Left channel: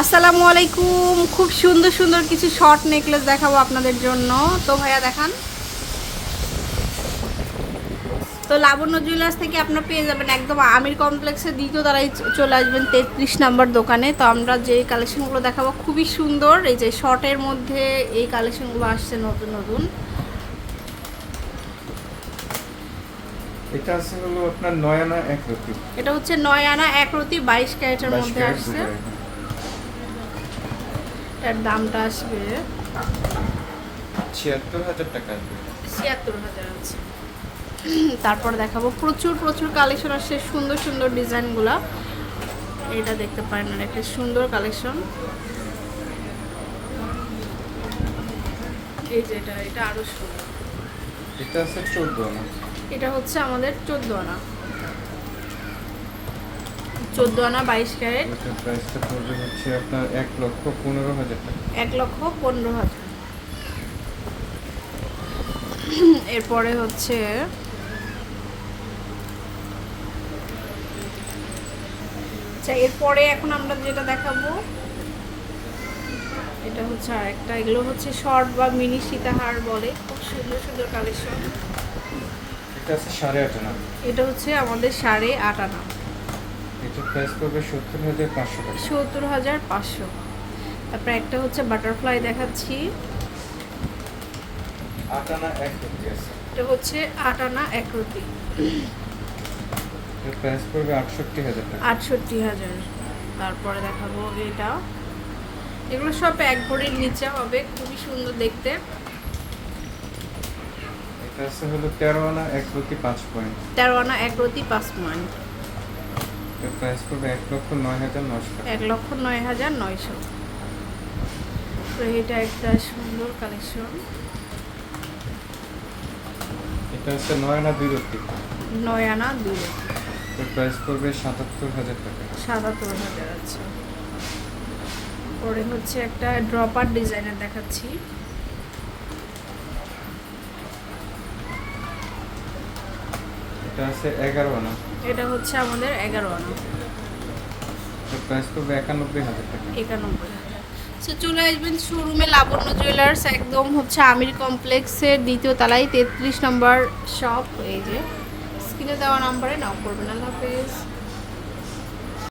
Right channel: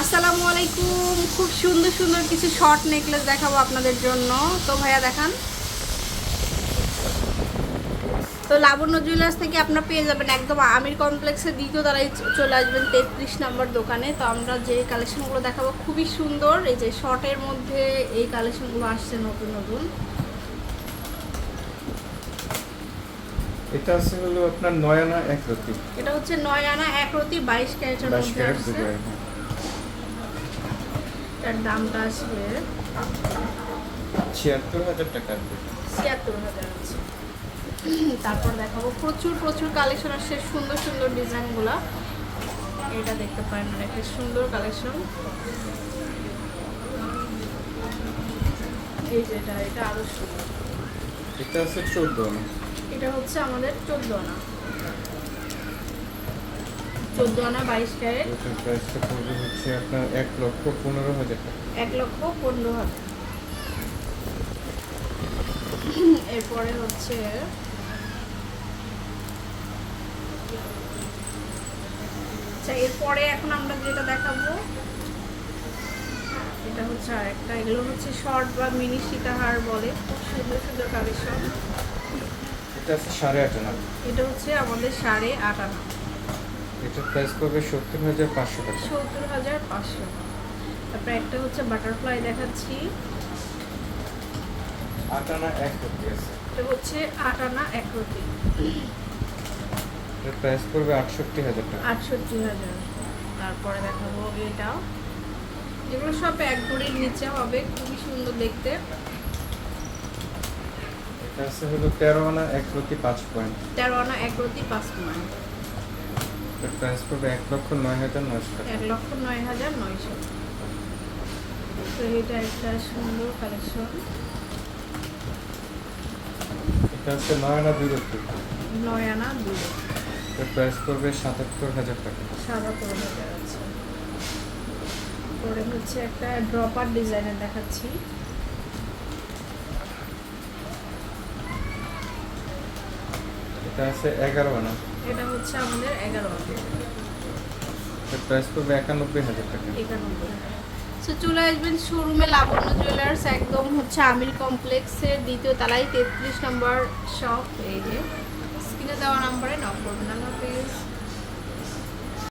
আসসালামু আলাইকুম। খুব সুন্দর সুন্দর কিছু শর্ট নেকলেস দেখাবো আপনাদের জন্য। তো ভাইয়া দেখান। তো লাবণ্য জুয়েলার্স থেকে আপনারা পেয়ে যাবেন একদম আমির কমপ্লেক্সের দ্বিতীয় তারাই চলে আসবেন তেত্রিশ নাম্বার দোকানে। তো আমরা যে কালেকশনগুলো দেখাবো খুবই সুন্দর। এই যে শর্টের মধ্যে এই কালেকশনগুলো আসছে নতুন নতুন। এটা আছে হলো আপনার নয়ানা এক রতি। এটা হচ্ছে নয় আনা এক রতি বাইশ ক্যারেটের মধ্যে আসছে। এটার দামটা আসবে ছিয়াত্তর হাজার টাকা আসবে। ছিয়াত্তর হাজার আছে। তারপর দেখাবো প্রচুর প্রচুর কালেকশন আসছে সুন্দর সুন্দর ডিজাইনগুলো। এটা দেখতে পারেন একটা সুন্দর কালেকশন। এই যে এটা এটা আরও সুন্দর। এটা আছে চোদ্দ না এটা হচ্ছে আমাদের চোদ্দ আনা। চোদ্দ আনা বাইশ ক্যারেট। ওটার প্রাইসটা পড়বে হচ্ছে আপনার এক লক্ষ পনেরো হাজার টাকা। এক লক্ষ পনেরো হাজার। এরপরে হচ্ছে আচ্ছা এরপরে এখন আমরা যেটা দেখাবো এটা হচ্ছে আরেকটা। এগুলো হচ্ছে শর্ট বা মিনি সীতাহার বলে। খুব সুন্দর সুন্দর কালেকশন এটা আছে সাড়ে আট আনা। এটা হচ্ছে আমাদের সাড়ে আট আনা। এটার প্রাইস পড়বে সত্তর হাজার পাঁচশো টাকা। সত্তর হাজার পাঁচশো। তারপরে একটা হচ্ছে বাটারফ্লাই দেখাচ্ছি। আট আনা এক রতি আছে। এটা হচ্ছে আট আনা এক রতি এটার প্রাইস পড়বে আটষট্টি হাজার টাকা। আটষট্টি হাজার। তারপরে দেখাবো এটা। এগুলো সব এক ভরির নিচে হবে খুবই সুন্দর দেখতে। এটা হলো তেরো আনা এক রতি পাঁচ পয়েন্ট। তেরো আনা এক রতি পাঁচ পয়েন্ট। এটার প্রাইস পড়বে এক লক্ষ নয় হাজার টাকা। এক লক্ষ নয় হাজার নয়শো। তো এটা একটা সুন্দর কালেকশন এটা হচ্ছে নয় আনা দুই রতি নয় আনা দুই এটার প্রাইস পড়বে সাতাত্তর হাজার টাকা। সাতাত্তর হাজার আছে পরে হচ্ছে একটা ড্রপার ডিজাইনের দেখাচ্ছি। এটা আছে এগারো আনা। এটা হচ্ছে আমাদের এগারো আনা। প্রাইস পড়বে একানব্বই হাজার টাকা। একানব্বই সো চলে আসবেন শোরুমে লাবণ্য জুয়েলার্স একদম হচ্ছে আমির কমপ্লেক্সের দ্বিতীয় তলায় তেত্রিশ নম্বর শপ এই যে স্ক্রিনে দেওয়া নাম্বারে নাও করবেন। আল্লাহ হাফেজ।